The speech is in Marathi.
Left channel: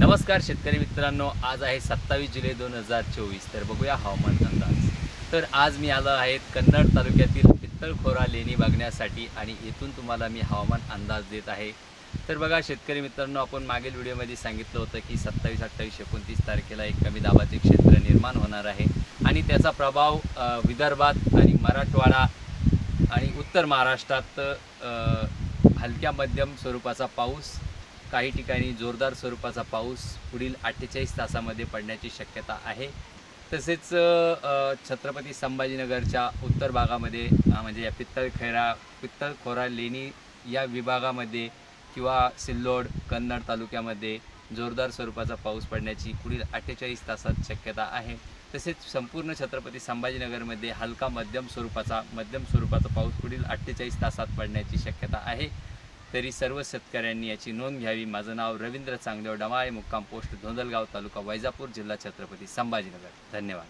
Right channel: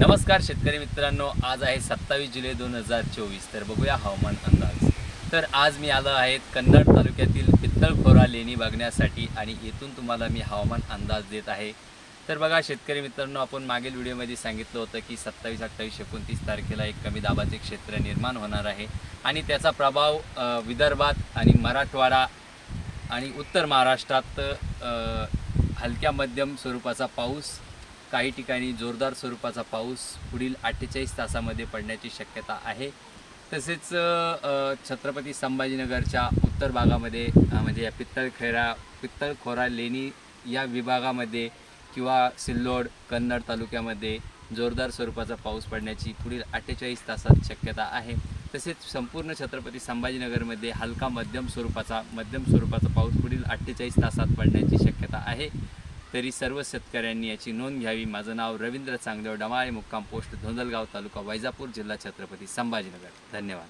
नमस्कार शेतकरी मित्रांनो, आज आहे 27 जुलै 2024। तर बघूया हवामान अंदाज। तर आज मी आलो आहे कन्नड तालुक्यातील पित्तळखोरा लेणी बघण्यासाठी आणि येथून तुम्हाला मी हवामान अंदाज देत आहे। तर बघा शेतकरी मित्रांनो, आपण मागील व्हिडिओमध्ये सांगितलं होतं की 27, 28, 29 तारखेला एक कमी दाबाचे क्षेत्र निर्माण होणार आहे आणि त्याचा प्रभाव विदर्भात आणि मराठवाडा आणि उत्तर महाराष्ट्रात हलक्या मध्यम स्वरूपाचा पाऊस, काही ठिकाणी जोरदार स्वरूपाचा पाऊस पुढील 48 तासामध्ये पडण्याची शक्यता आहे। तसेच छत्रपती संभाजीनगरच्या उत्तर भागामध्ये म्हणजे या पित्तळखोरा लेणी या विभागामध्ये किंवा सिल्लोड कन्नड तालुक्यामध्ये जोरदार स्वरूपाचा पाऊस पडण्याची पुढील 48 तासात शक्यता आहे। तसेच संपूर्ण छत्रपती संभाजीनगरमध्ये हलका मध्यम स्वरूपाचा पाऊस पुढील 48 तासात पडण्याची शक्यता आहे। तरी सर्व शेतकऱ्यांनी याची नोंद घ्यावी। माझं नाव रवींद्र चांगदेव, डमाळे, मुक्काम पोस्ट धोंदलगाव, तालुका वैजापूर, जिल्हा छत्रपती संभाजीनगर। धन्यवाद।